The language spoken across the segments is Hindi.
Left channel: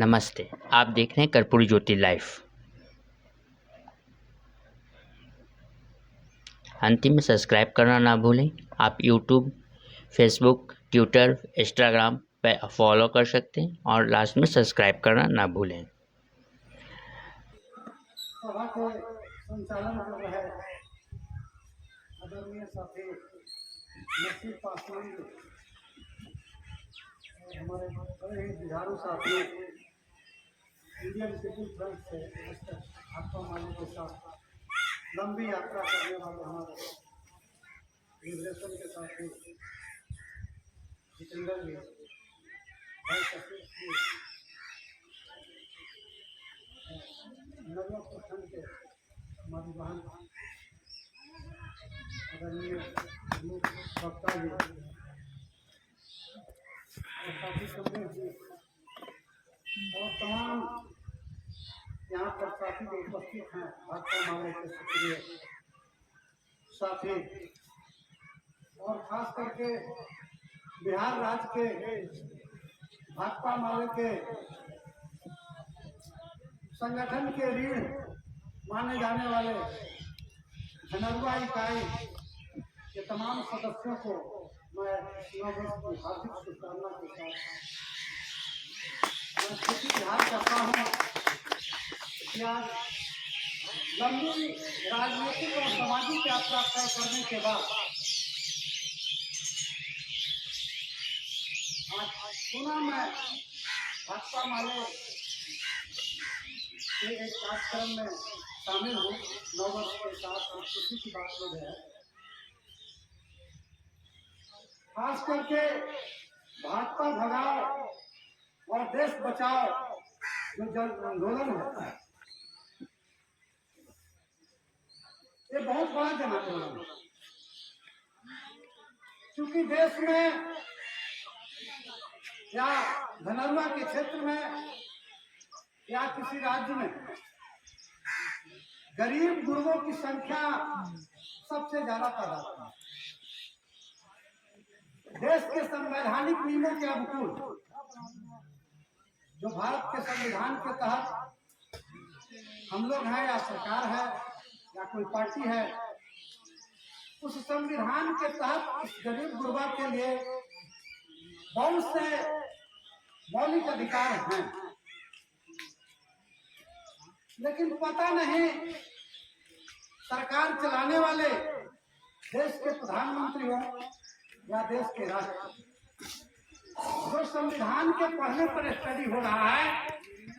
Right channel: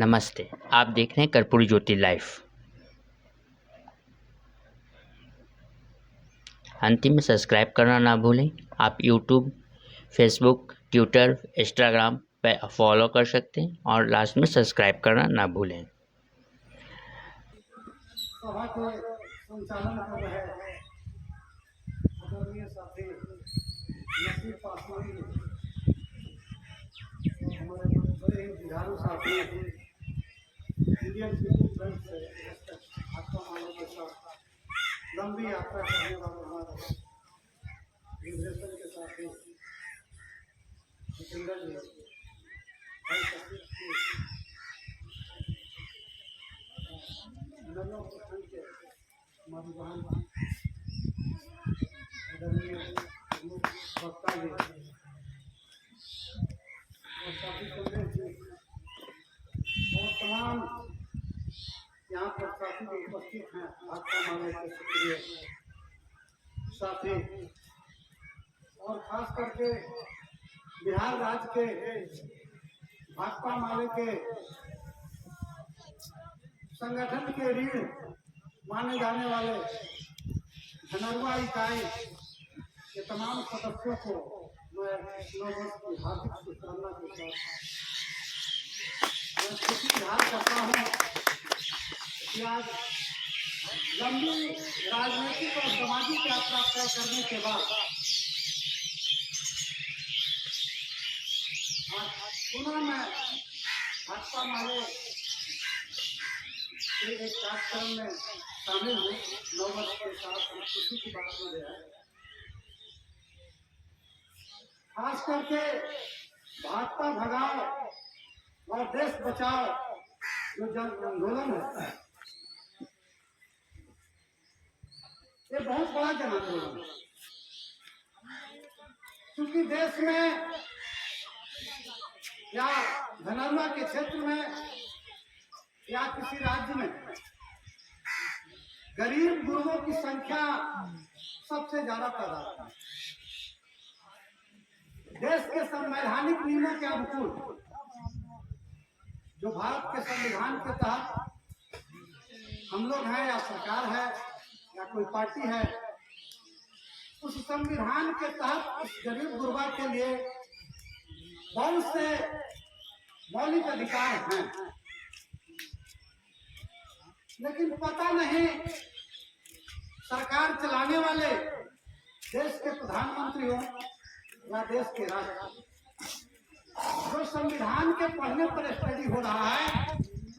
नमस्ते, आप देख रहे हैं कर्पूरी ज्योति लाइव। अंतिम में सब्सक्राइब करना ना भूलें। आप यूट्यूब, फेसबुक, ट्विटर, इंस्टाग्राम पे फॉलो कर सकते हैं और लास्ट में सब्सक्राइब करना ना भूलें। सभा के संचालन कर रहे आदरणीय साथी नसीर पासवान जी, हमारे बड़े ही जुझारू साथी इंडियन पीपुल्स फ्रंट से मिस्टर भाकपा माले के साथ लंबी यात्रा करने वाले हमारे लिबरेशन के साथी जितेंद्र जी, भाई सतीश जी, नगर प्रखंड के हमारी बहन आदरणीय प्रमुख वक्ता जी और साथी संदेश जी और तमाम यहाँ पर साथी जो उपस्थित हैं भाकपा माले के सक्रिय साथी और खास करके बिहार राज्य के भाकपा माले के संगठन के रीढ़ माने जाने वाले धनरुआ इकाई के तमाम सदस्यों को मैं नववर्ष की हार्दिक शुभकामना के साथ मैं खुशी इजहार करता हूँ कि आज लंबी राजनीतिक और सामाजिक यात्रा तय करने के बाद आज पुनः मैं भाकपा माले के एक कार्यक्रम में शामिल हूँ। नववर्ष के साथ खुशी की बात मुझे है, खास करके भाजपा भगाओ और देश बचाओ जो जन आंदोलन है, ये बहुत बड़ा जन आंदोलन है। क्योंकि देश में या धनरुआ के क्षेत्र में या किसी राज्य में गरीब गुरुओं की संख्या सबसे ज्यादा तादाद में। देश के संवैधानिक नियमों के अनुकूल जो भारत के संविधान के तहत हम लोग हैं या सरकार है या कोई पार्टी है, उस संविधान के तहत इस गरीब गुरबा के लिए बहुत से मौलिक अधिकार हैं, लेकिन पता नहीं सरकार चलाने वाले देश के प्रधानमंत्रियों या देश के राष्ट्रपति जो संविधान के पढ़ने पर स्टडी हो रहा है,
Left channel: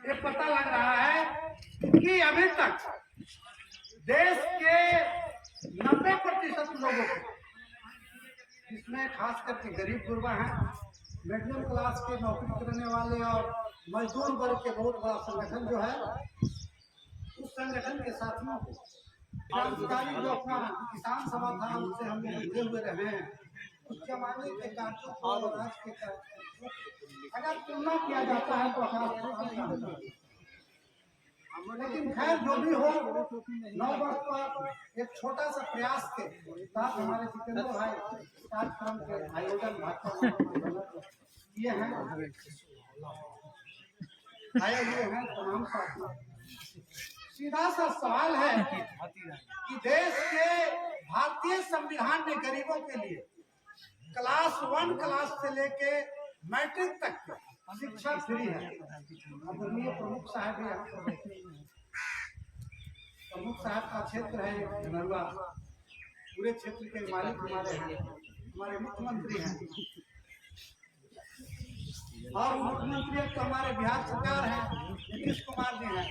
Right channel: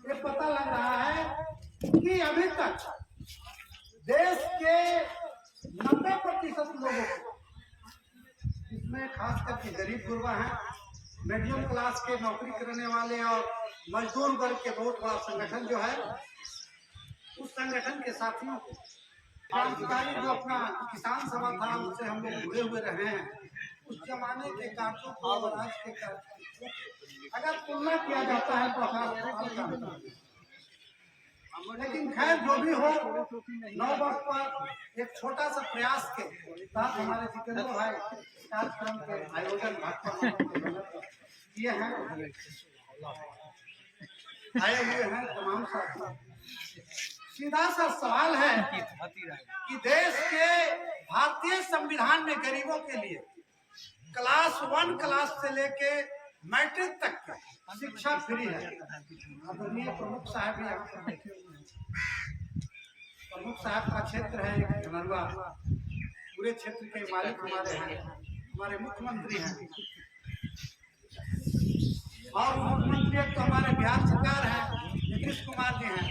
ये पता लग रहा है कि अभी तक देश के 90% लोगों को, इसमें खास करके गरीब गुरबा हैं, मीडियम क्लास के नौकरी करने वाले और मजदूर वर्ग के बहुत बड़ा संगठन जो है, उस संगठन के साथियों को क्रांतिकारी जो अपना किसान सभा था उससे हम लोग जुड़े हुए रहे हैं, उस जमाने के कार्यों को और आज के कार्यों अगर तुलना किया जाता है तो आकाश पाताल का अंतर है। लेकिन खैर जो भी हो, 9 वर्ष पर एक छोटा सा प्रयास के साथ हमारे जितेंद्र भाई कार्यक्रम के आयोजन भाजपा किए हैं, आए हुए हैं तमाम साथियों। सीधा सा सवाल है कि देश के भारतीय संविधान में गरीबों के लिए क्लास 1 क्लास से लेके मैट्रिक तक शिक्षा फ्री है। आदरणीय प्रमुख साहब भी यहाँ पर बैठे हुए हैं। प्रमुख साहब का क्षेत्र है एक धनरुआ, पूरे क्षेत्र के मालिक हमारे हैं, हमारे मुख्यमंत्री हैं और मुख्यमंत्री एक तो हमारे बिहार सरकार है, नीतीश कुमार जी हैं।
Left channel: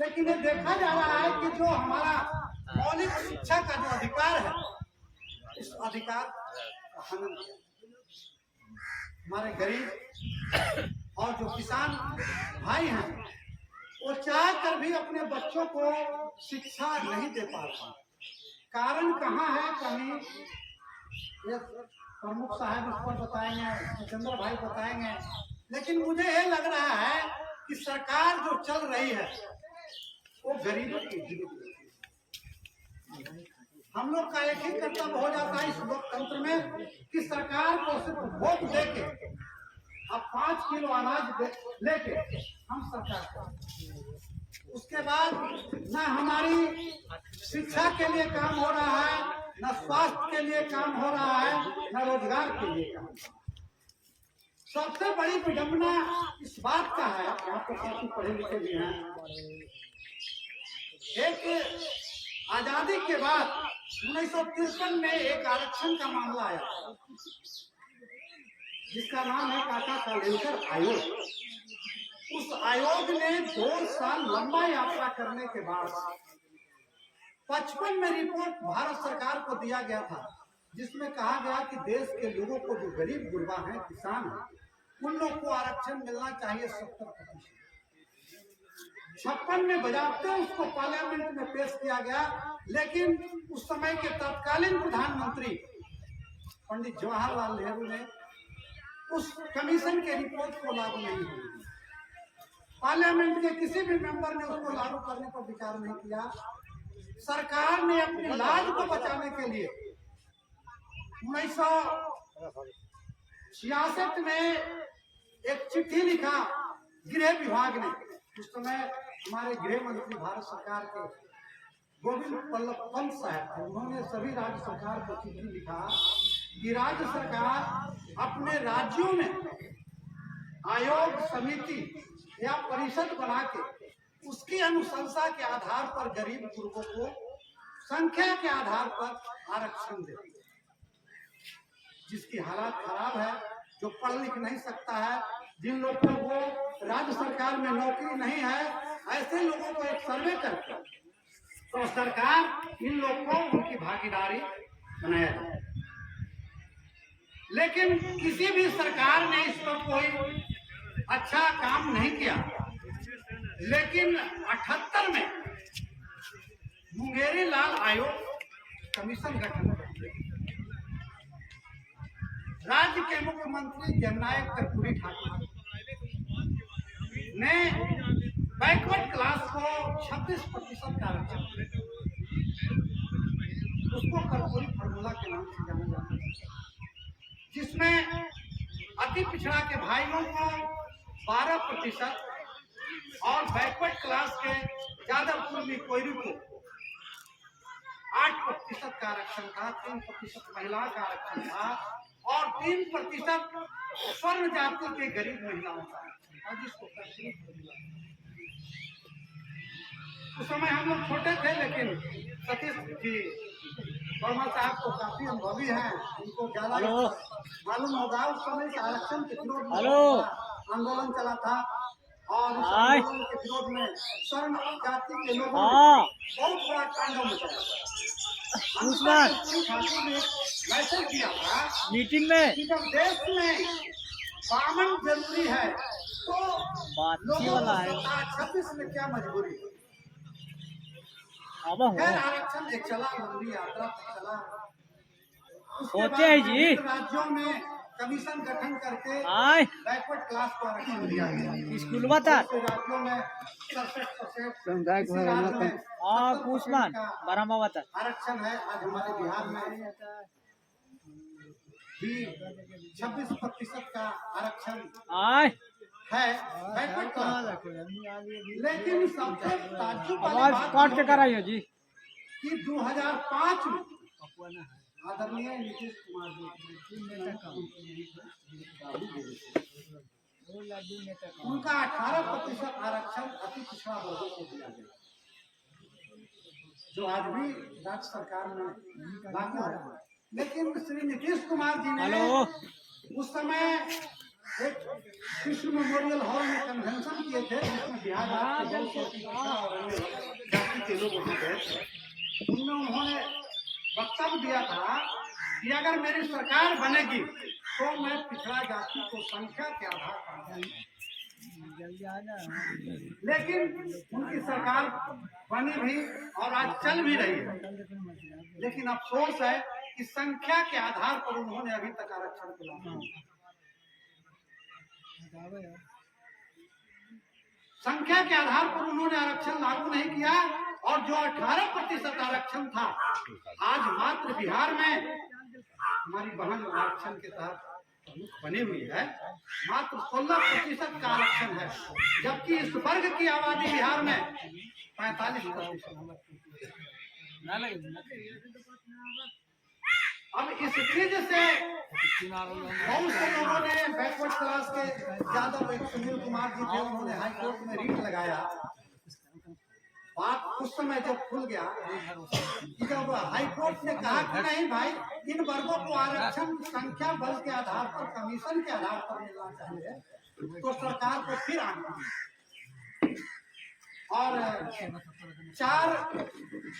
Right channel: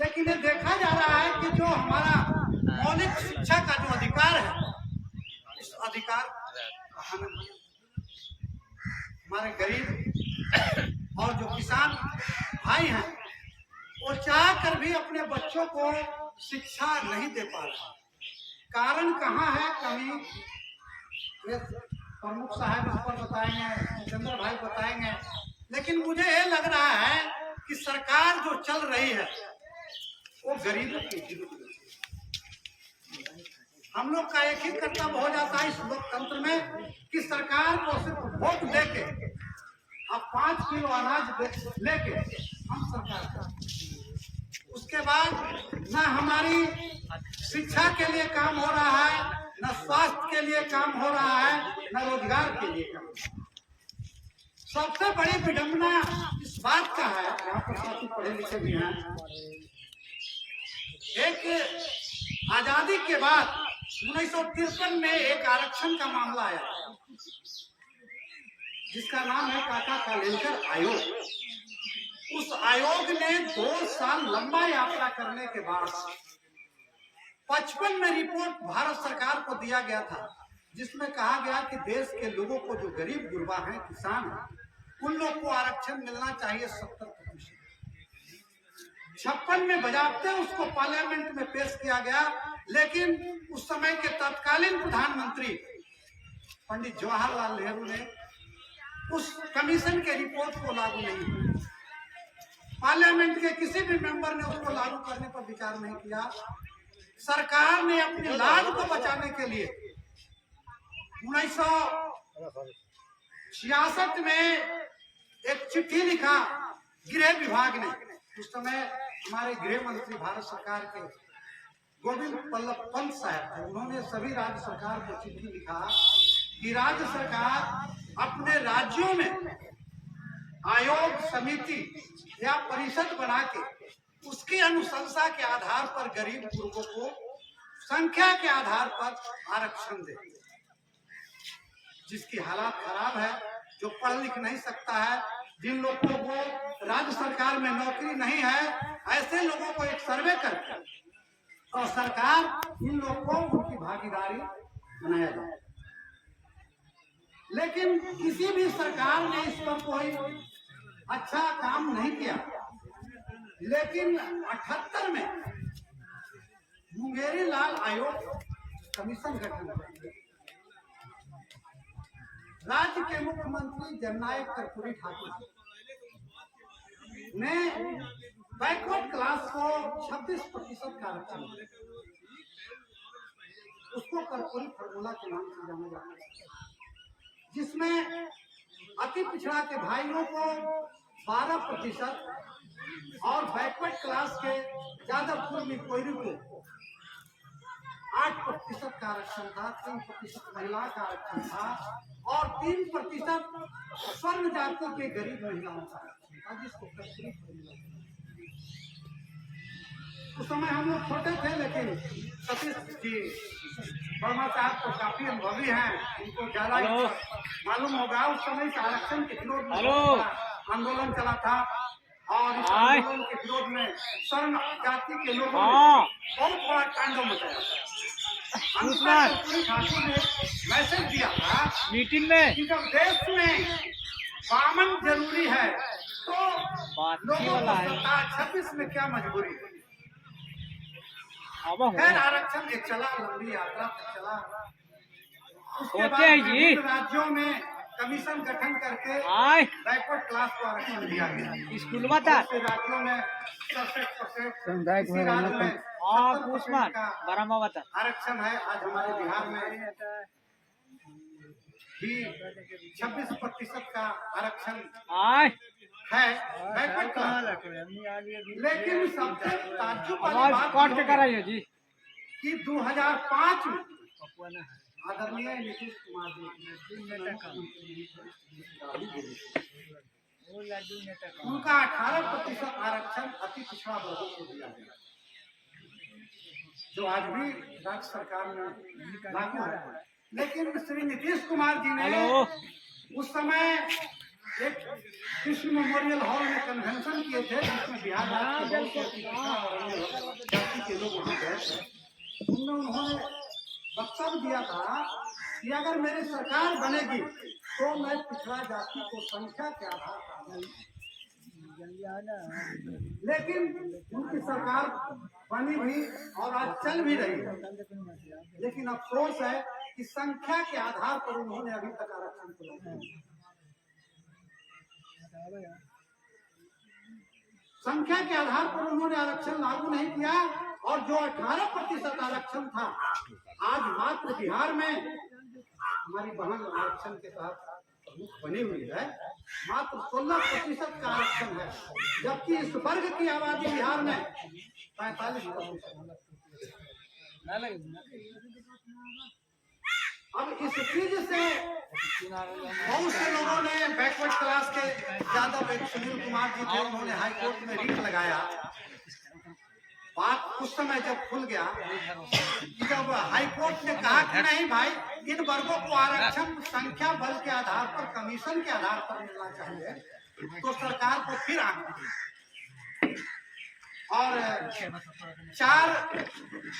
लेकिन ये देखा जा रहा है कि जो हमारा मौलिक शिक्षा का जो अधिकार है, इस अधिकार का हनन किया। हमारे गरीब और जो किसान भाई हैं, वो चाह कर भी अपने बच्चों को शिक्षा नहीं दे पा रहे हैं। कारण कहाँ है? कहीं ये प्रमुख साहब इस पर बताएंगे, जितेंद्र भाई बताएंगे, लेकिन मुझे ये लग रहा है कि सरकार जो चल रही है वो गरीबों के विरुद्ध। हम लोग का एक ही कर्तव्य हो जाता है इस लोकतंत्र में कि सरकार को सिर्फ वोट देके अब 5 किलो अनाज लेके हम सरकार कर, उसके बाद ना हमारी शिक्षा के लिए काम हो रहा है, न स्वास्थ्य के लिए काम हो रहा है, न रोजगार के लिए काम हो रहा है। सबसे बड़ी विडंबना इस बात का है, यहाँ पर साथी पढ़े लिखे भी हैं, एक आजादी के बाद 1953 में एक आरक्षण का मामला आया था, जिसका नाम है काका कालेलकर आयोग। उस आयोग ने 2 साल लंबा यात्रा करने के बाद 55 में रिपोर्ट भारत सरकार को दिया गया था, जिसमें कहा गया कि देश के लोगों को, जो गरीब गुरबा हैं, किसान हैं, उन लोग को आरक्षण मिलना चाहिए 70%। 56 में बजाबते उसको पार्लियामेंट में पेश किया गया, लेकिन उस समय के तत्कालीन प्रधानमंत्री पंडित जवाहरलाल नेहरू ने उस कमीशन के रिपोर्ट को लागू नहीं किया। पार्लियामेंट के किसी भी मेंबर ने उसको लागू करने पर विचार नहीं किया। सरकार ने अपनी लाज को बचाने के लिए 1966 में एक चिट्ठी लिखा गृह विभाग ने। उस समय हमारे गृह मंत्री भारत सरकार के गोविंद बल्लभ पंत साहब थे। उन्होंने सभी राज्य सरकार को चिट्ठी लिखा कि राज्य सरकार अपने राज्यों में आयोग, समिति या परिषद बना के उसकी अनुशंसा के आधार पर गरीब गुरबों को संख्या के आधार पर आरक्षण दे। जिसकी हालात खराब है, जो पढ़ लिख नहीं सकता है, जिन लोगों को राज्य सरकार में नौकरी नहीं है, ऐसे लोगों को एक सर्वे करके और सरकार इन लोगों को उनकी भागीदारी बनाया जाए। लेकिन किसी भी सरकार ने इस पर कोई अच्छा काम नहीं किया। लेकिन 78 में मुंगेरी लाल आयोग कमीशन गठन कर, राज्य के मुख्यमंत्री जननायक कर्पूरी ठाकुर ने बैकवर्ड क्लास को 26% का आरक्षण दिया। उसको कर्पूरी फार्मूला के नाम से जाना जाता है, जिसमें अति पिछड़ा के भाइयों को 12% और बैकवर्ड क्लास के यादवपुर में कोयरी को 8% का आरक्षण था, 3% महिला का आरक्षण था और 3% स्वर्ण जाति के गरीब महिलाओं का आरक्षण था, जिसको उस समय हम लोग छोटे थे, लेकिन सतीश जी वर्मा साहब तो काफी अनुभवी हैं, उनको ज्यादा मालूम होगा। उस समय इस आरक्षण के विरोध में आंदोलन चला था और इस आंदोलन के विरोध में स्वर्ण जाति के लोगों ने बहुत बड़ा तांडव मचाया। कर्पूरी ठाकुर ने मैसेज दिया था मीटिंग में कि जब देश में बामन जरूरी है तो लोगों को 26 में क्या मजबूरी है। खैर आरक्षण एक चला, लंबी यात्रा तक चला। उसके बाद राज्यों में कमीशन गठन करके बैकवर्ड क्लास को आरक्षण दिया गया। स्कूल राज्यों में 67%, राज्य में 70% का आरक्षण है। आज हमारे बिहार में भी 26% का आरक्षण है बैकवर्ड क्लास। लेकिन सबसे ताज्जुब वाली बात कि 2005 में आदरणीय नीतीश कुमार जी उनका 18% आरक्षण अति पिछड़ा वर्गों को दिया गया, जो आज भी राज्य सरकार में लागू है। लेकिन श्री नीतीश कुमार जी ने उस समय एक कृष्ण मेमोरियल हॉल में कन्वेंशन किए थे, जिसमें बिहार राज्य के बहुत से पिछड़ा और अन्य जाति के लोग वहाँ गए थे। उनमें उन्होंने वक्तव्य दिया था कि अगर मेरी सरकार बनेगी तो मैं पिछड़ा जाति को संख्या के आधार पर, लेकिन उनकी सरकार बनी भी और आज चल भी रही है। लेकिन अफसोस है कि संख्या के आधार पर उन्होंने अभी तक आरक्षण दिया। संख्या के आधार पर उन्होंने आरक्षण लागू नहीं किया और जो 18% आरक्षण था, आज मात्र बिहार में हमारी बहन आरक्षण के तहत प्रमुख बनी हुई है, मात्र 16% का आरक्षण है, जबकि इस वर्ग की आबादी बिहार में 45%। अब इस चीज से बहुत से लोगों ने बैकवर्ड क्लास के यादव, एक सुनील कुमार जी थे, उन्होंने हाई कोर्ट में रीट लगाया। बात उस समय जब खुल गया कि जब हाई कोर्ट ने कहा कि नहीं भाई, इन वर्गों को आरक्षण संख्या बल के आधार पर, कमीशन के आधार पर मिलना चाहिए, तो सरकार को फिर आना। और 4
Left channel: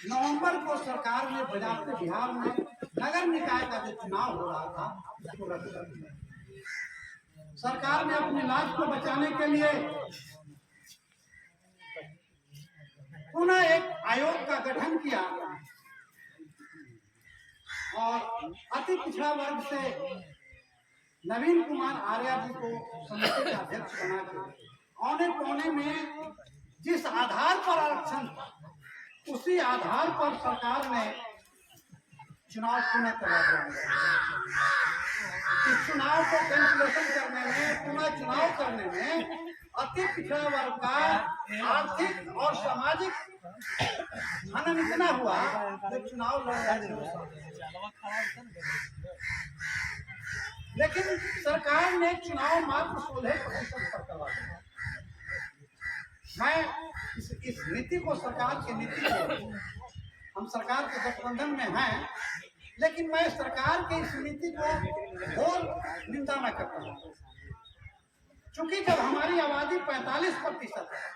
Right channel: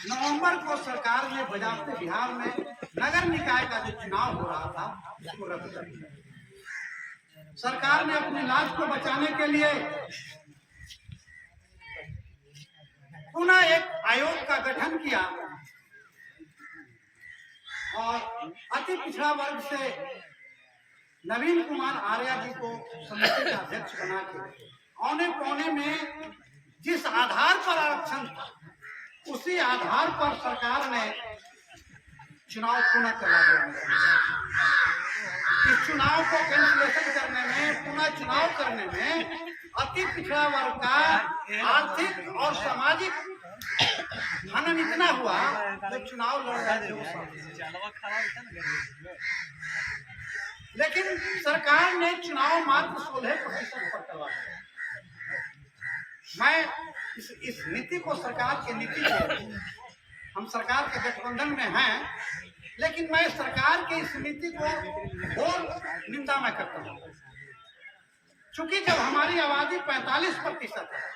नवंबर को सरकार ने बजाते बिहार में नगर निकाय का जो चुनाव हो रहा था उसको रद्द कर दिया। सरकार ने अपनी लाज को बचाने के लिए पुनः एक आयोग का गठन किया और अति पिछड़ा वर्ग से नवीन कुमार आर्या जी को समिति का अध्यक्ष बना के औने पौने में जिस आधार पर आरक्षण था, उसी आधार पर सरकार ने चुनाव पुनः करवा दिया। इस चुनाव को कैंसिलेशन करने में, पुनः चुनाव करने में अति पिछड़ा वर्ग का आर्थिक और सामाजिक हनन इतना हुआ जो चुनाव लड़ रहे थे। लेकिन सरकार ने चुनाव मात्र 16% पर करवा दिया। मैं इस नीति को, सरकार की नीति को, हम सरकार के गठबंधन में हैं, लेकिन मैं सरकार के इस नीति को और निंदा मैं करता हूँ। चूंकि जब हमारी आबादी 45% है,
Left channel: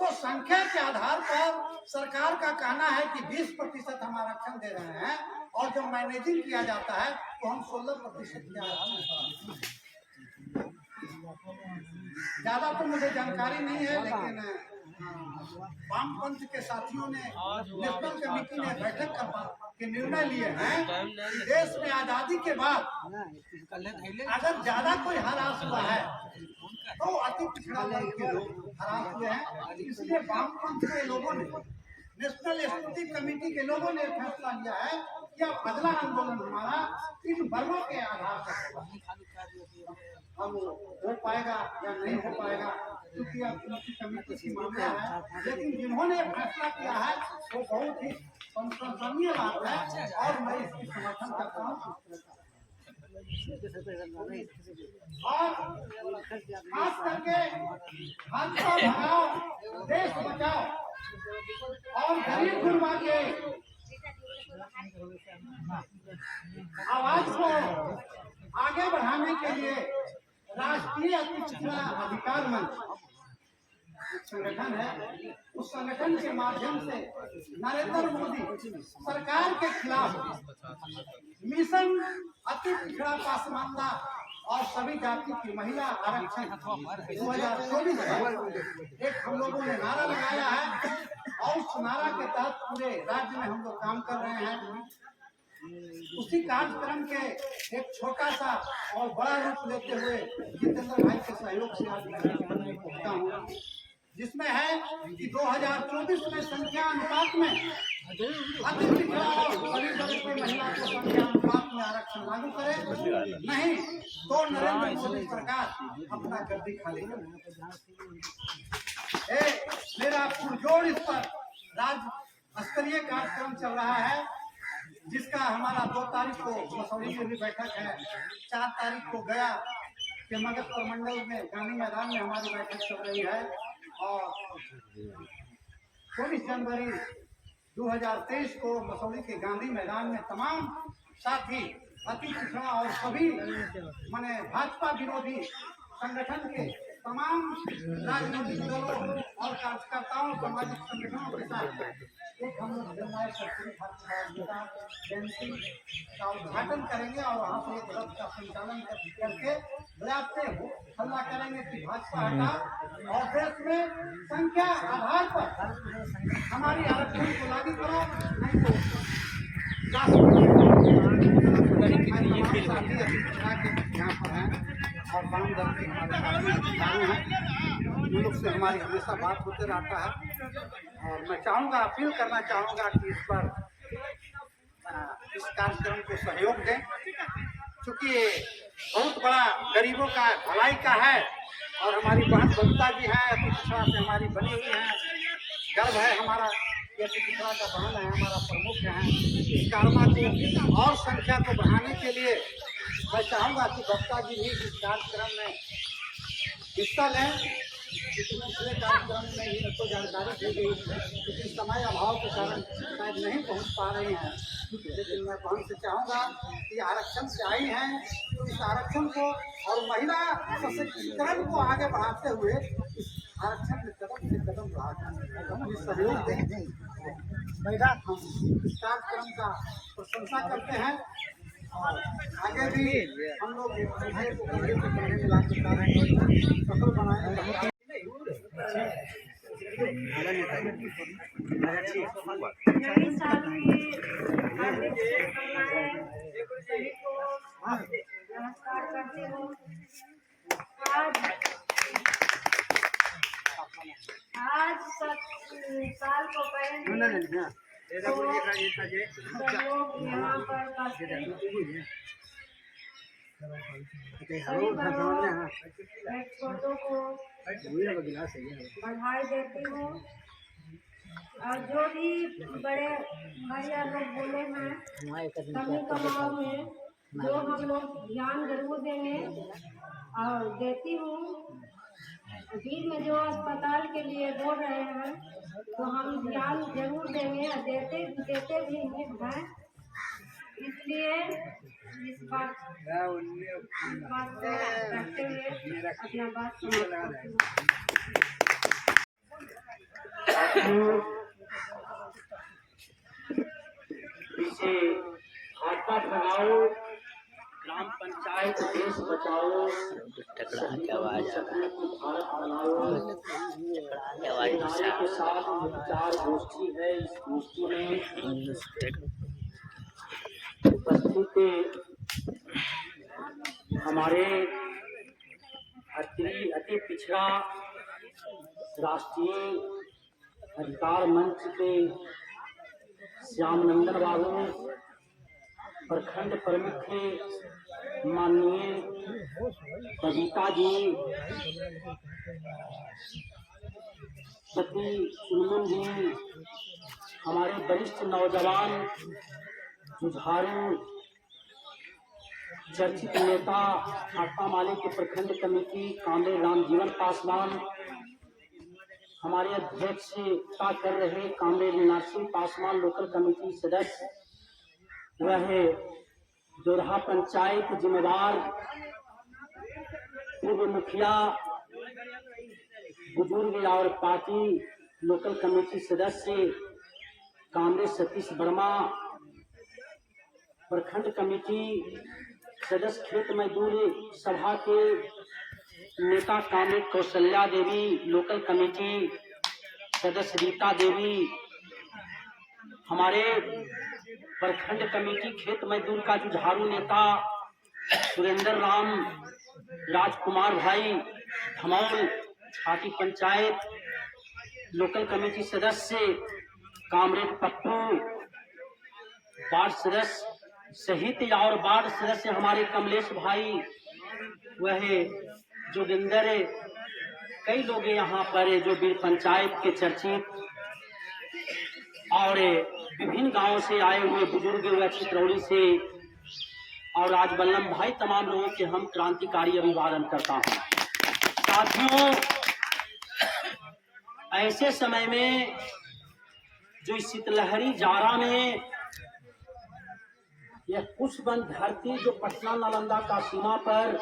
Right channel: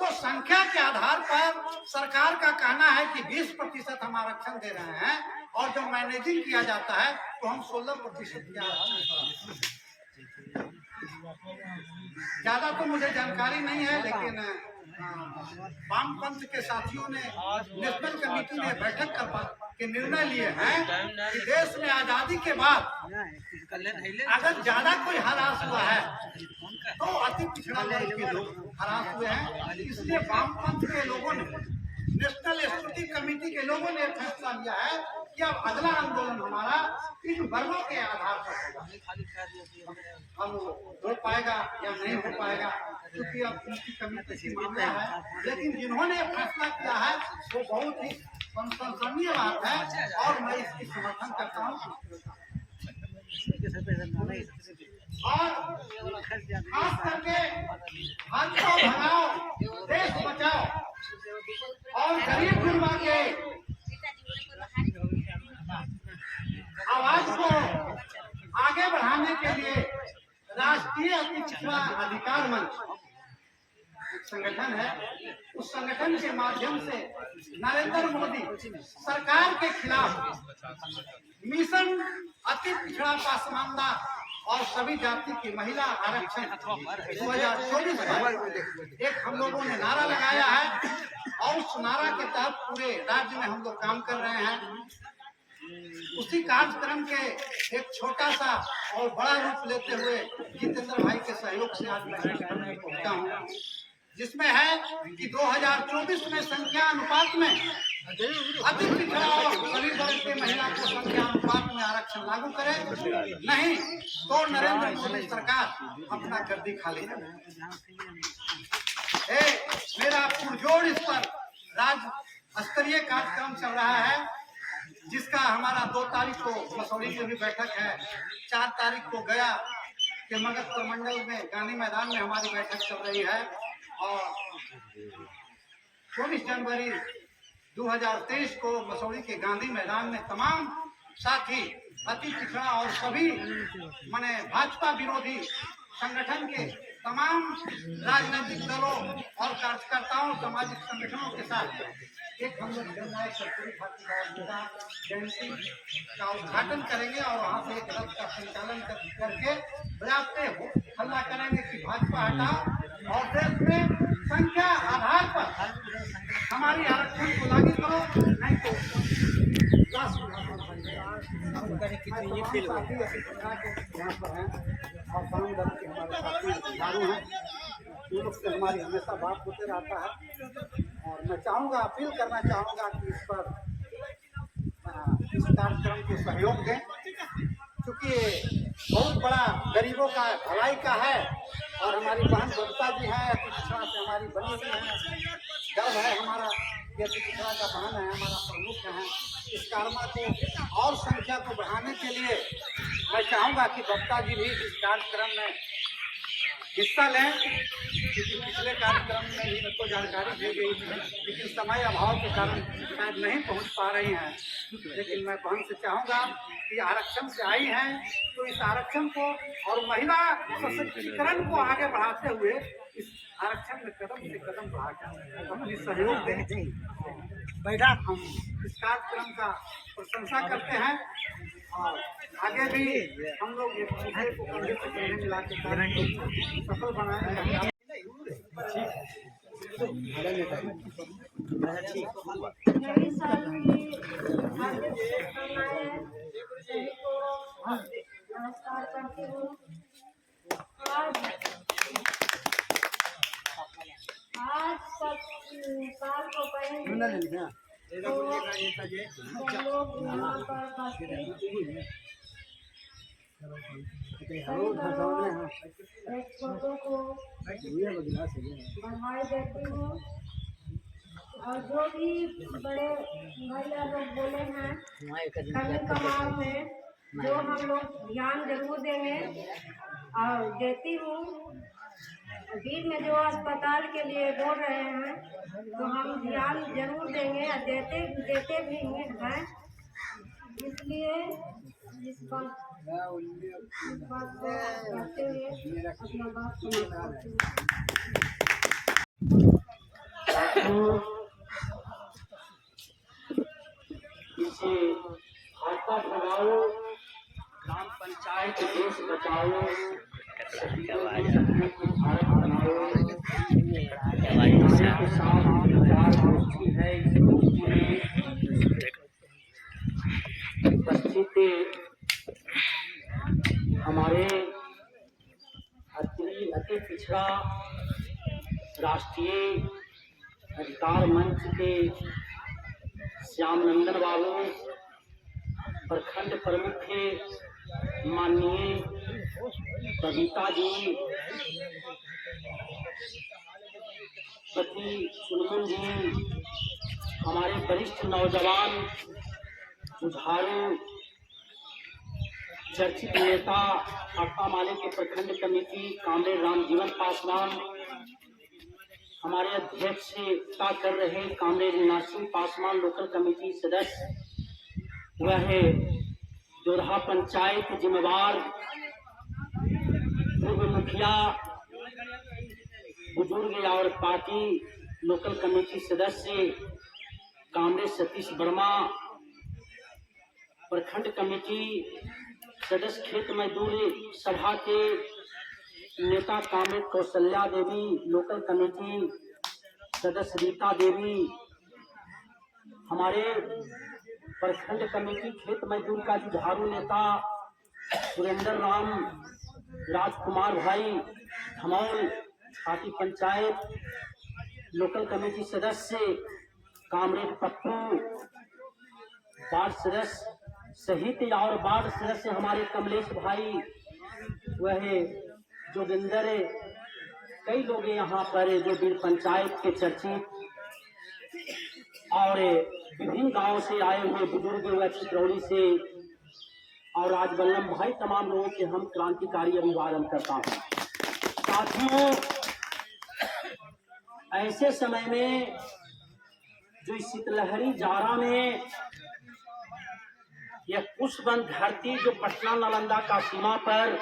तो संख्या के आधार पर सरकार का कहना है कि 20% हम आरक्षण दे रहे हैं, और जब मैनेजिंग किया जाता है तो हम 16% के आरक्षण। ज्यादा तो मुझे जानकारी नहीं है, लेकिन वामपंथ के साथियों ने, नेशनल कमेटी ने बैठक के निर्णय लिए हैं कि देश में आजादी के बाद अगर ज्यादा कोई हरास हुआ है तो अति पिछड़ा वर्ग के लोग हरास हुए हैं। इसलिए वामपंथ के लोगों ने, नेशनल स्टूडेंट कमेटी के लोगों ने फैसला लिया है कि अब अगला आंदोलन हमारा इन वर्गों के आधार पर होगा। अब हो पाएगा या नहीं हो पाएगा, क्योंकि अब उनकी कमेटी की मामला है, लेकिन जिन्होंने फैसला किया है वो बहुत ही संसदीय बात है और मैं इसकी समर्थन करता हूँ। और खास करके भाजपा भगाओ, देश बचाओ और गरीब गुरबा के आवाज को आगे बढ़ाने के लिए राष्ट्रीय अति पिछड़ा अधिकार मंच संगठन है, उस संगठन के माध्यम से नरेंद्र मोदी सरकार के खिलाफ मिशन अति पिछड़ा पासमानदा और सभी जाति की महिला आरक्षण 2024 पर एक हम लोगों ने नारा लगाया है, और उस नारा के तहत पूरे राज्य में हम लोग काम कर रहे हैं। उसी कार्यक्रम के एक छोटा सा और बड़ा रूप लेते हुए जितेंद्र भाई के सहयोग से आज मैं पहुंचा हूँ, जिसमें है कि 2024 में संख्या अनुपात में अति पिछड़ा और गरीब वर्ग के महिला को संख्या अनुपात में आरक्षण लागू करे, नहीं तो नरेंद्र मोदी सरकार अपना गद्दी खाली करे। मेरा पुरजोर इस पर राज्य स्तरीय कार्यक्रम चल रहा है, जिसका हमारा 2 तारीख को मसौड़ी में भी बैठक है, 4 तारीख को गया के मगध प्रमंडल में गांधी मैदान में हमारी बैठक चल रही है, और 24 जनवरी 2023 को मसौड़ी के गांधी मैदान में तमाम साथी अति पिछड़ा और सभी माने भाजपा विरोधी संगठन के तमाम राजनीतिक दलों और कार्यकर्ताओं, सामाजिक संगठनों के साथ एक हम लोग जननायक कर्पूरी ठाकुर जयंती का उद्घाटन करेंगे, और वहाँ से एक रथ का संचालन करके पर्याप्त हल्ला करेंगे कि भाजपा हटा और देश में संख्या आधार पर हमारी आरक्षण को लागू करो, नहीं तो साथी अभी के यहाँ पर हैं और वाम दल के हमारे साथी अधिकारी हैं, उन लोग से हमारी हमेशा बात होते रहता है। और मैं चाहूँगा, अपील करना चाहूँगा कि इस पर इस कार्यक्रम को सहयोग दें चूंकि बहुत बड़ा गरीबों का भलाई का है और हमारी बहन बबीता जी हैं, अति पिछड़ा से हमारी बनी हुई हैं, गर्व है हमारा, ये अति पिछड़ा का बहन है, हमारा प्रमुख है। इस कार्यक्रम को और संख्या को बढ़ाने के लिए मैं चाहूँगा कि बबीता जी भी इस कार्यक्रम में हिस्सा लें, क्योंकि पिछले कार्यक्रम में भी इनको जानकारी दी गई थी, लेकिन समय अभाव के कारण शायद नहीं पहुंच पा रही हैं। लेकिन मैं बहन से चाहूँगा कि आरक्षण से आई हैं तो इस आरक्षण को और महिला सशक्तिकरण को आगे बढ़ाते हुए इस आरक्षण में कदम से कदम बढ़ाकर अपनी सहयोग दें। बैठा हम इस कार्यक्रम का प्रशंसा करते हैं और आगे भी हम लोग एक दूसरे को कंधे से कंधे मिला के कार्य सफल बनाने का नई साल की हार्दिक शुभकामनाएं सभी को नमस्कार करती हूँ। आज साल को पहले तो सब लोग यहाँ पर एक फोटो को बधाई देती हूँ और जो भी बड़े भैया लोग बोले हैं कमी कमाओ में जो हम लोग ध्यान जरूर देंगे और देती हूँ। अभी में जो अस्पताल के लिए बोल रहे हैं तो हम ध्यान जरूर देंगे और देते भी हैं, इसलिए इस बात को रखते हुए अपना बात समाप्त करती हूँ। पीछे भाजपा भगाओ, ग्राम पंचायत देश बचाओ, भारत बनाओ के साथ विचार गोष्ठी है। इस गोष्ठी में उपस्थित हमारे अति पिछड़ा राष्ट्रीय अधिकार मंच के श्यामनंदन बाबू, प्रखंड प्रमुख माननीय बबीता जी, पति सुनमुन जी, हमारे वरिष्ठ नौजवान जुझारू चर्चित नेता भाकपा माले के प्रखंड कमेटी कामरेड रामजीवन पासवान, हमारे अध्यक्षता कर रहे comrade Narsingh Paswan local committee सदस्य, वह जोधा पंचायत जिम्मेवार पूर्व मुखिया बुजुर्ग और पार्टी लोकल कमेटी सदस्य कामरेड सतीश वर्मा, प्रखंड कमेटी सदस्य खेत मजदूर सभा के नेता comrade Kaushalya Devi, local committee सदस्य रीता देवी, हमारे प्रखंड कमेटी खेत मजदूर का जुझारू नेता सुरेंद्र राम राजकुमार भाई धमौल, छाती पंचायत लोकल कमेटी सदस्य कामरेड पप्पू, वार्ड सदस्य सहित और वार्ड सदस्य हमारे कमलेश भाई, वह जोगिंदर, कई लोग यहाँ पर जो बीर पंचायत के चर्चित और विभिन्न गांवों से आए हुए बुजुर्ग, वह चित्रौली से, और आज बल्लम भाई, तमाम लोगों के हम क्रांतिकारी अभिवादन करता हूँ। साथियों, ऐसे समय में जो इस शीतलहरी जाड़ा में यह कुशबंद धरती जो पटना नालंदा का सीमा पर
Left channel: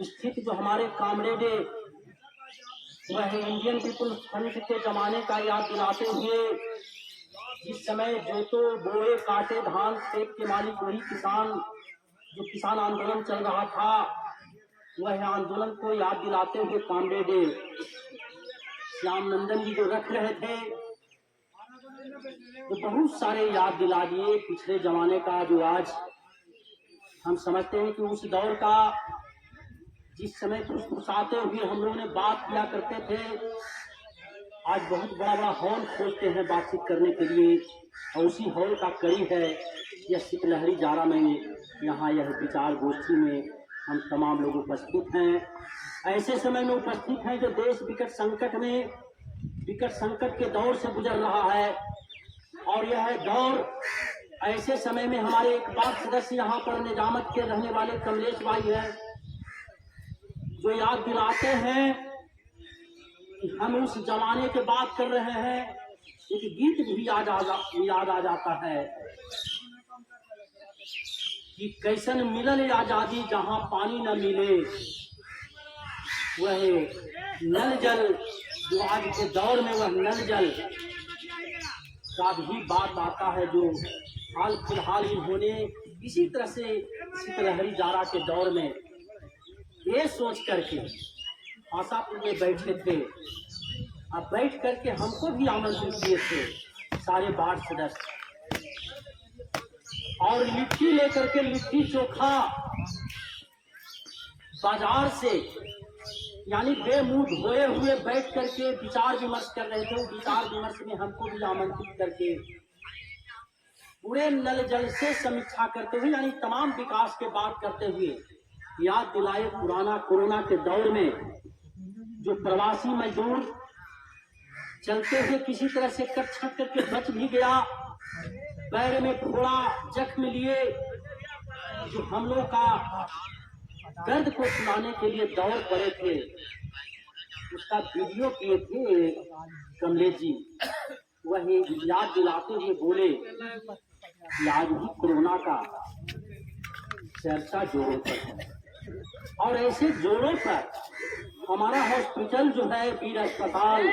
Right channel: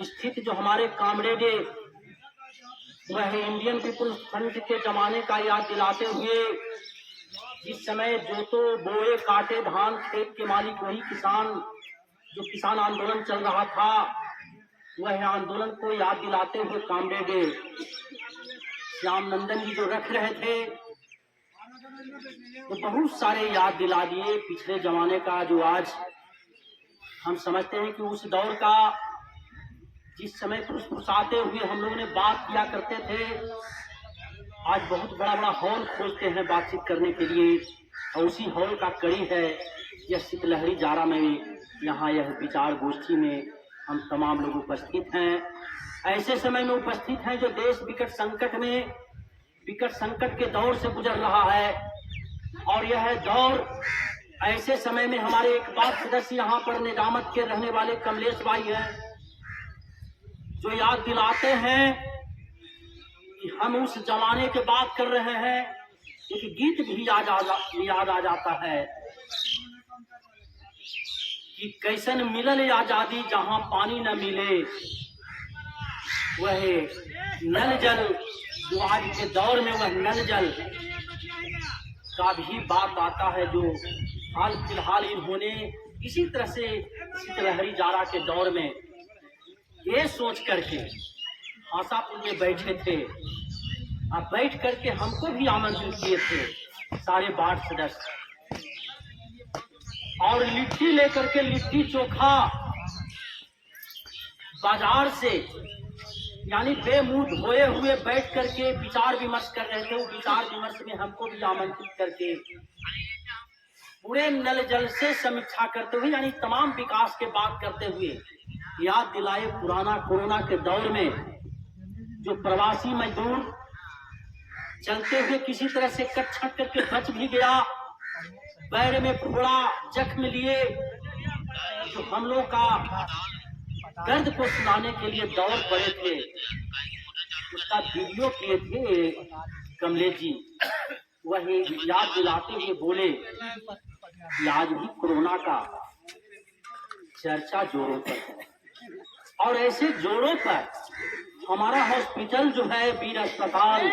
स्थित जो हमारे कामरेड, वह इंडियन पीपुल्स फ्रंट के जमाने का याद दिलाते हुए, जिस समय जोतो बोए काटे धान खेत के मालिक वही किसान, जो किसान आंदोलन चल रहा था, वह आंदोलन को याद दिलाते हुए कामरेड श्यामनंदन जी जो रख रहे थे, तो बहुत सारे याद दिला दिए पिछले जमाने का, जो आज हम समझते हैं कि उस दौर का, जिस समय फुसफुसाते हुए हम लोग ने बात किया करते थे, आज बहुत बड़ा बड़ा हॉल खोजते हैं बातचीत करने के लिए, और उसी हॉल का कड़ी है यह शीतलहरी जाड़ा में यहाँ यह विचार गोष्ठी में हम तमाम लोग उपस्थित हैं। ऐसे समय में उपस्थित हैं जो देश विकट संकट के दौर से गुजर रहा है, और यह दौर ऐसे समय में हमारे एक बात सदस्य यहाँ पर निजामत के रहने वाले कमलेश भाई हैं, जो याद दिलाते हैं कि हम उस जमाने की बात कर रहे हैं। एक गीत भी याद आ जाता है कि कैसन मिलल आजादी जहां पानी न मिले, वह नल जल, जो आज के दौर में वह नल जल का भी बात आता है, जो हाल फिलहाल इन्होंने इसी तरह से शीतलहरी जाड़ा के दौर में ये सोच करके हासापुर में बैठे थे, अब बैठ करके हमको भी आमंत्रित किए थे सारे वार्ड सदस्य, और लिट्टी लेकर के, लिट्टी चोखा बाजार से, यानी बेमुंह धोए हुए बैठ करके विचार विमर्श कर रहे थे। वो विचार विमर्श में हमको भी आमंत्रित करके पूरे नल जल से समीक्षा करते हुए, यानी तमाम विकास के बात करते हुए याद दिलाए पुराना कोरोना के दौर में जो प्रवासी मजदूर चलते हुए किसी तरह से कट छट करके बच भी गया, पैर में फोड़ा, जख्म लिए, जो हम लोग का दर्द को सुनाने के लिए दौड़ पड़े थे, उसका वीडियो किए थे कमलेश जी। वही याद दिलाते हुए बोले कि आज भी कोरोना का चर्चा जोरों पर है, और ऐसे जोरों पर हमारा हॉस्पिटल जो है, वीर अस्पताल,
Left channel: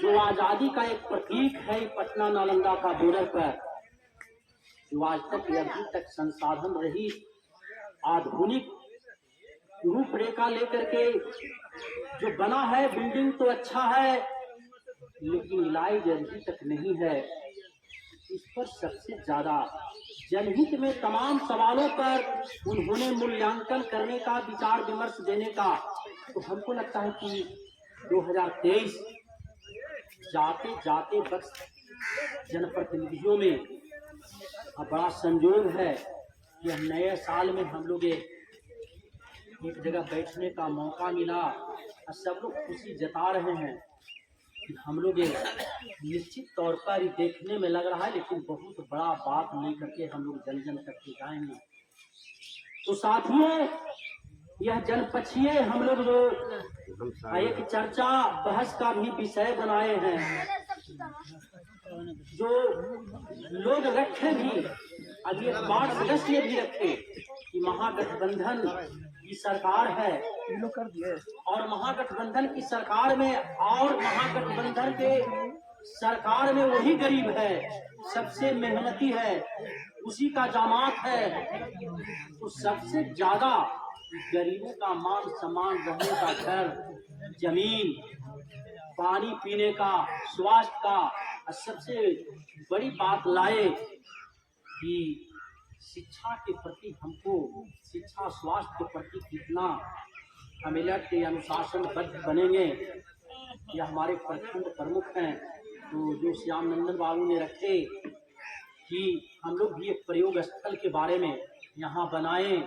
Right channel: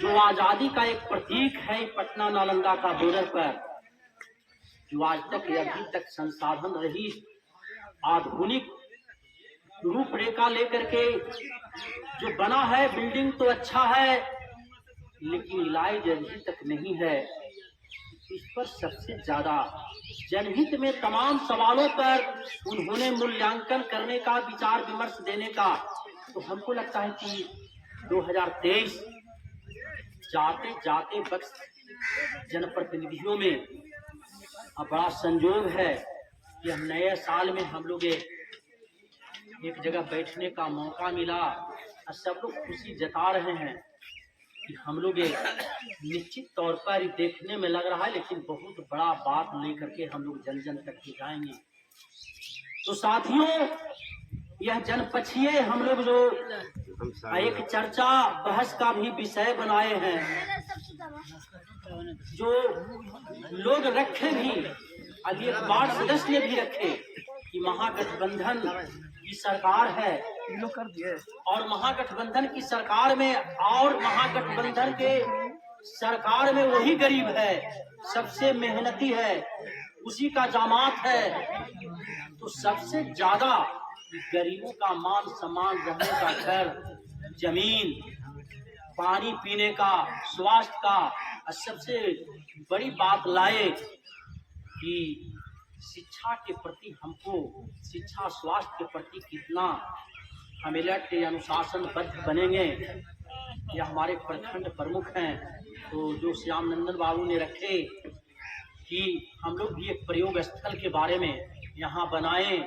जो आजादी का एक प्रतीक है, पटना नालंदा का बॉर्डर पर, जो आज तक अभी तक संसाधन रहित आधुनिक रूपरेखा लेकर के जो बना है, बिल्डिंग तो अच्छा है, लेकिन इलाज अभी तक नहीं है। इस पर सबसे ज्यादा जनहित में तमाम सवालों पर उन्होंने मूल्यांकन करने का, विचार विमर्श देने का, तो हमको लगता है कि 2023 जाते जाते बक्स जनप्रतिनिधियों में अब बड़ा संजोग है कि नए साल में हम लोग एक जगह बैठने का मौका मिला, और सब लोग खुशी जता रहे हैं कि हम लोग निश्चित तौर पर देखने में लग रहा है, लेकिन बहुत बड़ा बात लेकर के हम लोग जन जन तक के जाएंगे। तो साथियों, यह जनपक्षीय हम लोग जो एक चर्चा बहस का भी विषय बनाए हैं, जो लोग रखे भी, अभी एक वार्ड सदस्य भी रखे कि महागठबंधन की सरकार है, और महागठबंधन की सरकार में, और महागठबंधन के सरकार में वही गरीब है, सबसे मेहनती है, उसी का जामात है। तो सबसे ज्यादा गरीबों का मान सम्मान, रहने का घर, जमीन, पानी पीने का, स्वास्थ्य का, और सबसे बड़ी बात लाए कि शिक्षा के प्रति हमको, शिक्षा स्वास्थ्य के प्रति कितना हम मिलट के अनुशासनबद्ध बनेंगे। यह हमारे प्रखंड प्रमुख हैं, तो जो श्याम नंदन बाबू ने रखे कि हम लोग भी एक प्रयोग स्थल के बारे में यहाँ बनाएं,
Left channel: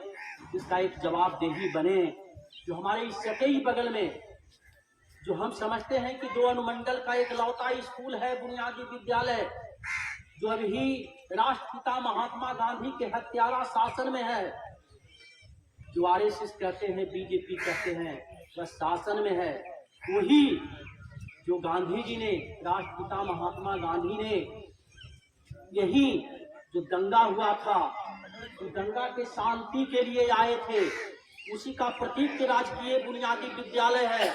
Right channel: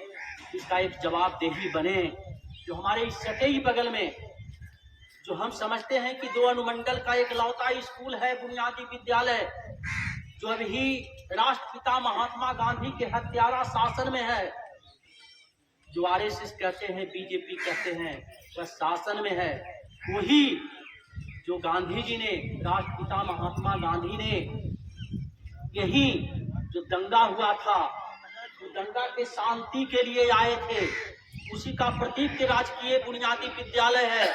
इसका एक जवाबदेही बने। जो हमारे इस सतही बगल में, जो हम समझते हैं कि 2 अनुमंडल का एक लौता स्कूल है, बुनियादी विद्यालय, जो अभी राष्ट्रपिता महात्मा गांधी के हत्यारा शासन में है, जो आरएसएस कहते हैं, बीजेपी कहते हैं, वह शासन में है। वही जो गांधी जी ने, राष्ट्रपिता महात्मा गांधी ने, यही जो दंगा हुआ था, तो दंगा के शांति के लिए आए थे, उसी का प्रतीक के राजकीय बुनियादी विद्यालय है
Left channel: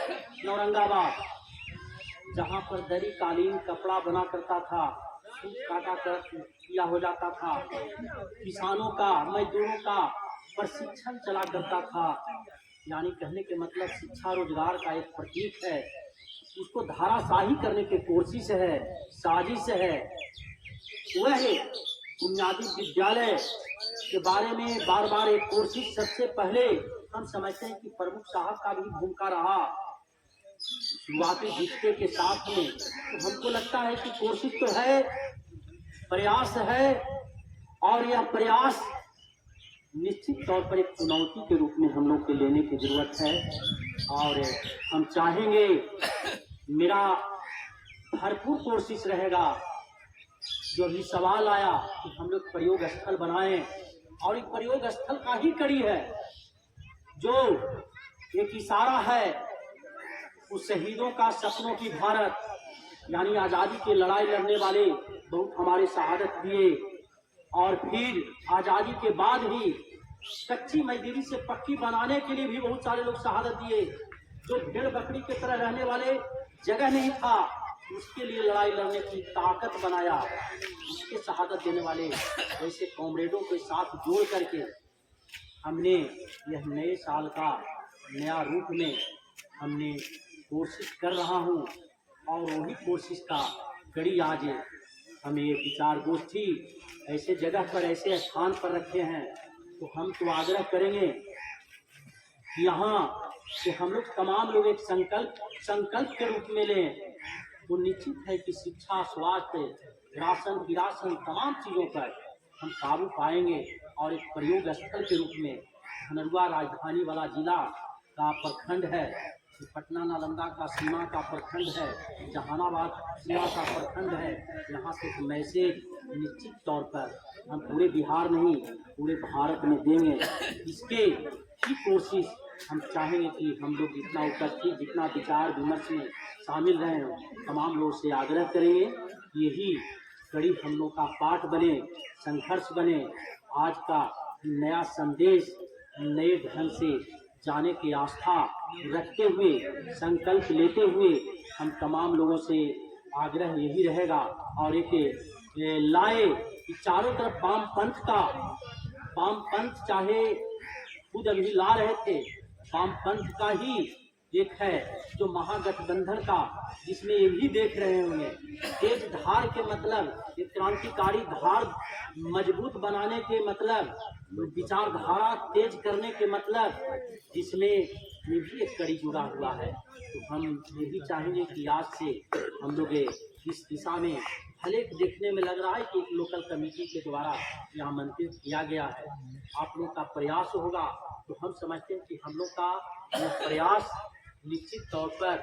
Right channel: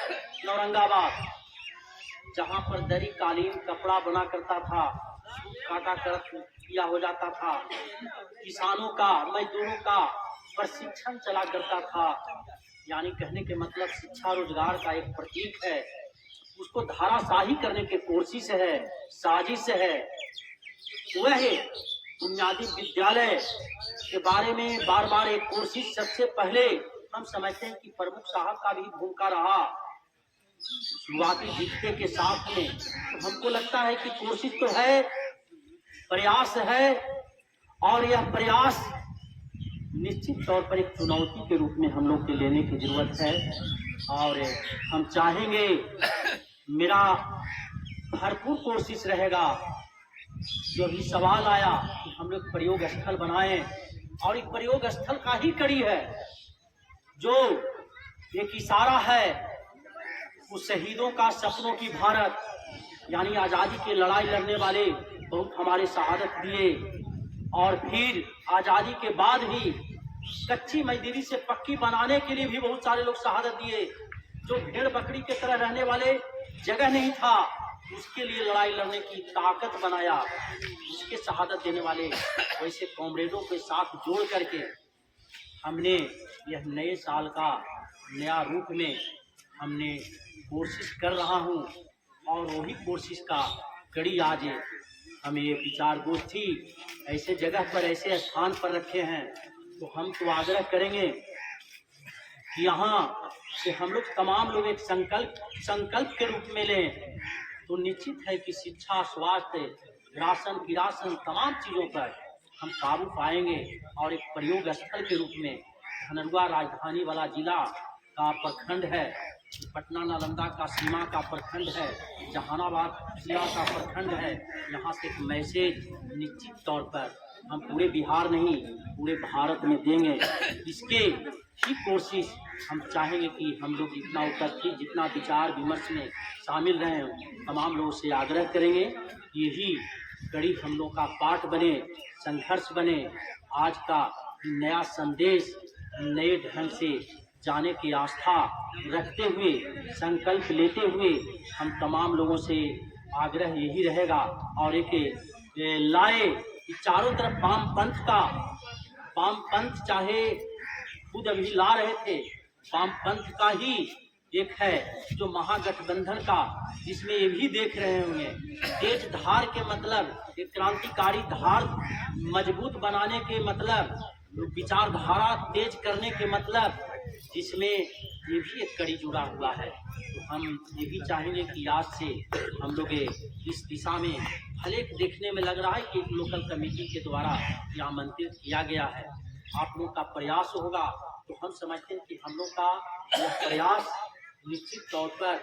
औरंगाबाद, जहाँ पर दरी, कालीन, कपड़ा बना करता था, सूत काटा कर किया हो जाता था, किसानों का, मजदूरों का प्रशिक्षण चला करता था। यानी कहने के मतलब शिक्षा रोजगार का एक प्रतीक है, उसको धाराशाही करने की कोशिश है, साजिश है। वह बुनियादी विद्यालय के बारे में बार बार एक कोशिश, सबसे पहले हम समझते हैं कि प्रमुख साहब का भी भूमिका रहा शुरुआती दीक्षे के साथ में। तो हमको लगता है कि कोशिश तो है, प्रयास है, और यह प्रयास निश्चित तौर पर एक चुनौती के रूप में हम लोग के लेने की जरूरत है। और हम चाहेंगे, मेरा भरपूर कोशिश रहेगा, जो अभी सवाल आया कि हम लोग प्रयोग स्थल बनाएं, और एक प्रयोग स्थल का ही कड़ी है, जो एक इशारा है उस शहीदों का, सपनों की भारत, यानी आज़ादी की लड़ाई लड़ने वाले बहुत हमारे शहादत दिए, और फिर आज़ादी के बाद भी कच्ची मजदूरी से पक्की बनाने के लिए भी बहुत सारे लोग शहादत दिए। जो भेड़ बकरी की तरह रहने वाले जगह नहीं था, उसके लिए लड़ाई लड़ने की ताकत बनाया, उसके शहादत देने वाले वैसे कॉमरेडों के साथ जोड़ करके हमने यह नए साल का नया रूप में हमने कोशिश कर रहा हूँ। और वही कोशिश का कड़ी आज हमें ये विचार गोष्ठी ऐसे जगह पर, ऐसे स्थान पर रखे हैं, तो हम तो आग्रह करेंगे कि यहाँ से हम लोग तमाम लोग एक संकल्प के रूप में लें, तो निश्चित है कि शिक्षा, स्वास्थ्य, राशन, किरासन, तमाम चीज़ों पर हम काबू पाएंगे। और एक प्रयोग स्थल के रूप में धनरुआ राजधानी वाला जिला का प्रखंड है, पटना नालंदा का सीमा का प्रखंड है, जहानाबाद जिला का प्रखंड है, यहाँ से एक मैसेज निश्चित तौर पर हम पूरे बिहार नहीं पूरे भारत में देंगे। इसके ही कोशिश हम चाहेंगे कि हम लोग जितना उपस्थित, जितना विचार विमर्श में शामिल रहे हों, तमाम लोगों से आग्रह करेंगे, यही कड़ी हम लोग का पाठ बने, संघर्ष बने। आज का नया संदेश नए ढंग से जाने की आस्था रखते हुए, संकल्प लेते हुए हम तमाम लोगों से आग्रह यही रहेगा। और एक लाए कि चारों तरफ वाम पंथ चाहे खुद अभी ला रहे थे, वामपंथ का ही एक है जो महागठबंधन का, जिसमें ये भी देख रहे होंगे तेज धार के मतलब, एक क्रांतिकारी धार मजबूत बनाने के मतलब, विचारधारा तेज करने के मतलब, जिसमें ये भी एक कड़ी जुड़ा हुआ है। तो हम ये भी चाहेंगे कि आज से हम लोग इस दिशा में, भले देखने में लग रहा है कि एक लोकल कमेटी के द्वारा यह आमंत्रित किया गया है, आप लोग का प्रयास होगा, तो हम समझते हैं कि हम लोग का यह प्रयास निश्चित तौर पर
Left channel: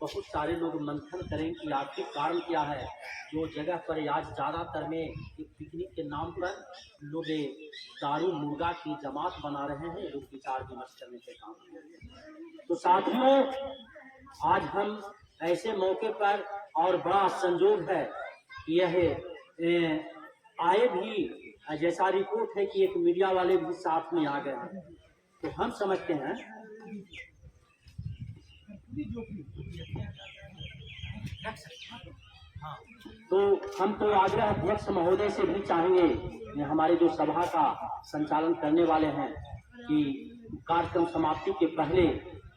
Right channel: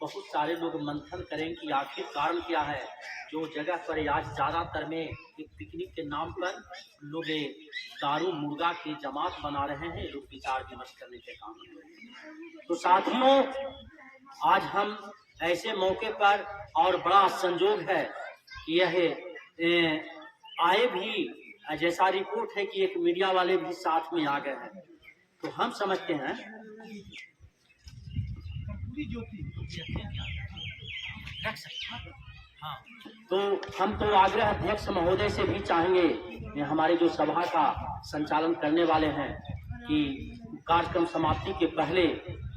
बहुत सारे लोग मंथन करें कि आखिर कारण क्या है, जो जगह पर आज ज़्यादातर में एक पिकनिक के नाम पर लोग दारू मुर्गा की जमात बना रहे हैं, लोग विचार विमर्श करने के काम। तो साथियों, आज हम ऐसे मौके पर, और बड़ा संजोग है कि यह आए भी, जैसा रिपोर्ट है कि एक मीडिया वाले भी साथ में आ गए हैं, तो हम समझते हैं तो हम तो आग्रह अध्यक्ष महोदय से भी चाहेंगे, हमारे जो सभा का संचालन करने वाले हैं, कि कार्यक्रम समाप्ति के पहले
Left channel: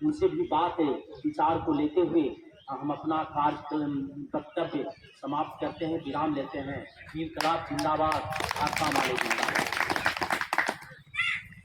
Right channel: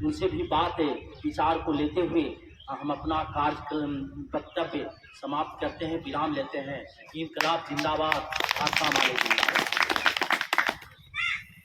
उनसे भी बात विचार को लेते हुए हम अपना कार्यक्रम वक्तव्य समाप्त करते हैं, विराम लेते हैं। इनकलाब जिंदाबाद, आसाम वाले जिंदाबाद।